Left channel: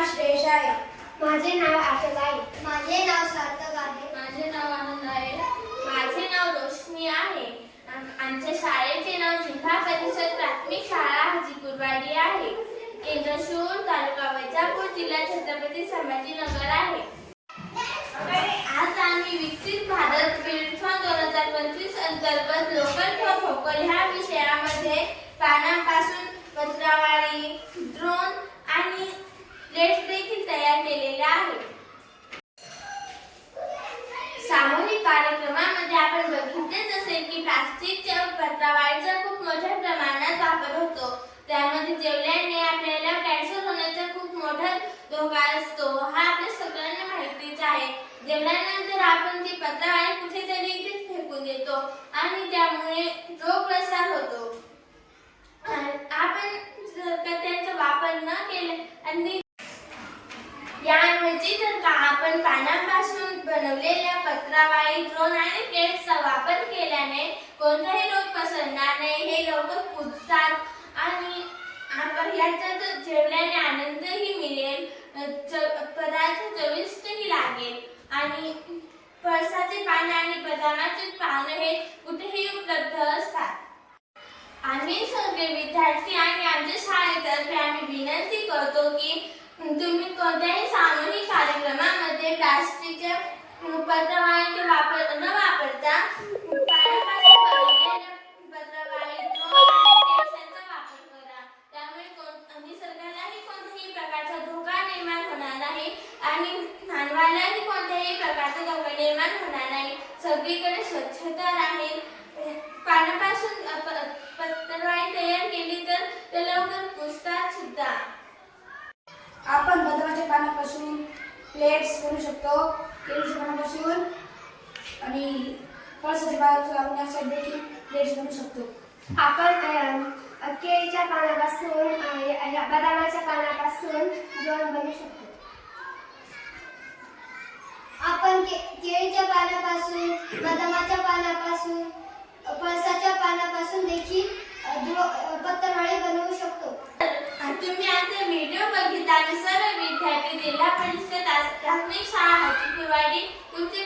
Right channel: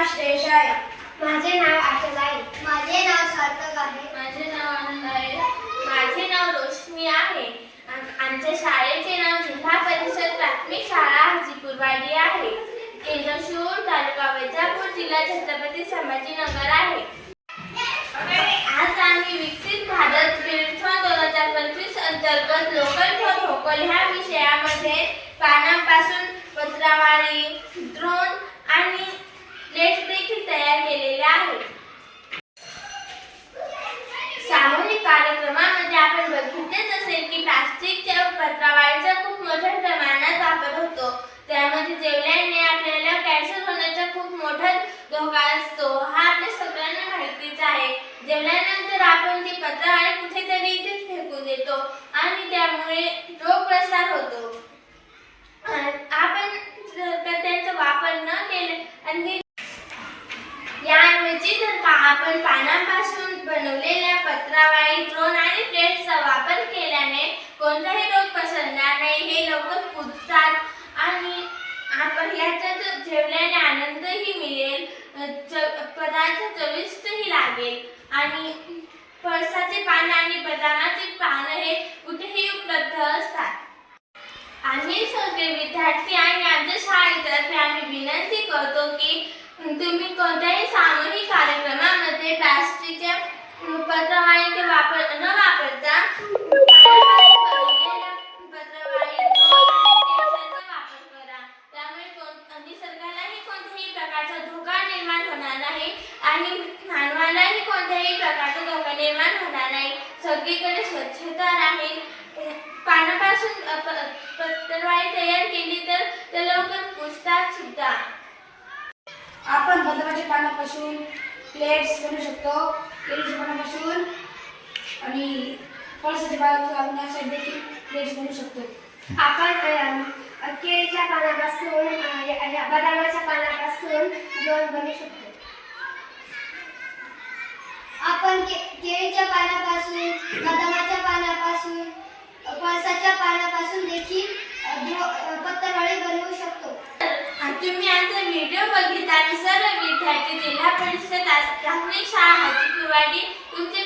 नाव आहे माझे नाव आचल आहे माझे नाव सार्थक आहे. माझे नाव आनंद आहे. माझे नाव रोशनी आहे. आम- आमच्या शाळेचे नाव जिल्हा परिषद प्राथमिक शाळा हाजीपूरवाडी आहे. केंद्रशूर तालुका वैजापूर जिल्हा छत्रपती संभाजीनगर आहे. आज आम्ही विकसित भारत विल्सॉन दोन हजार पंचवीस अंतर्गत लोकल फॉर व्होकल ह्या विषयामध्ये पानांपासून पत्रावाळी ड्रोन आणि प्लेट्स देखील तयार केलेल्या आहेत सामूहिक कार्यक्रमामध्ये आपण बघितलेच असेल की प्लास्टिकच्या पत्रावळीचा खूप मोठ्या प्रमाणात वापर होतो त्यामध्ये जेवल्याने आपल्याला कॅन्सर होण्याचा खूप मोठा धोका असतो हा आपल्या सगळ्यांना माहितीच आहे जेवल्यानंतर आपण ती पत्रावळी कुठेतरी इथेच फेकून देतो आणि त्यामुळे रोग प्रसार होतो. आपण जर त्यांचा वापर न केला आणि याऐवजी जर का आपण पानांपासून बनवलेल्या पत्रावाळी ड्रोन आणि प्लेट्सचा वापर केल्याने कोणताही रोग पसरणार नाही हे लवकर कुजतात आणि आपण ह्याच्यात जेवल्याने लागेल पदार्थ चविष्टही लागेल. आणि पळसाचे पाने आणि बदामाचे पानं हे कुठेही उपलब्ध असतात. आम्ही सगळे विद्यार्थी आणि आमच्या शाळेतर्फे आम्ही विनंती करतो की तुम्ही कोणत्याही सामूहिक कार्यक्रमामध्ये प्लास्टिकच्या पत्रवाळीचे वापर न वापरता निर्माण होणार नाही आणि मानवालाही कोणत्याही प्रकारचा धोका निर्माण होणार नाही. सगळीकडे स्वच्छता राहील. पानापासून पत्रवाळी तयार केली तर ते लवकर पुसतात सुद्धा. आपण बदामाच्या पानापासून प्लेट्स बनवू शकतो केळीच्या पानापासून आणि पळसाच्या पानापासून आपण देखील प्लेट्स बनवू शकतो. आपण केळीच्या पानापासून बदामाच्या पानापासून जेवण बनू शकतो. आपण के- केळीच्या पानापासून बदामाच्या पानापासून पळसाच्या पानापासून देखील अ, बनवू शकतो. तुम्ही आमचा व्हिडिओ बघितला सर्व विद्यार्थी जिल्हा परिषद प्राथमिक शाळा हाजीपूरवाडी तुमचे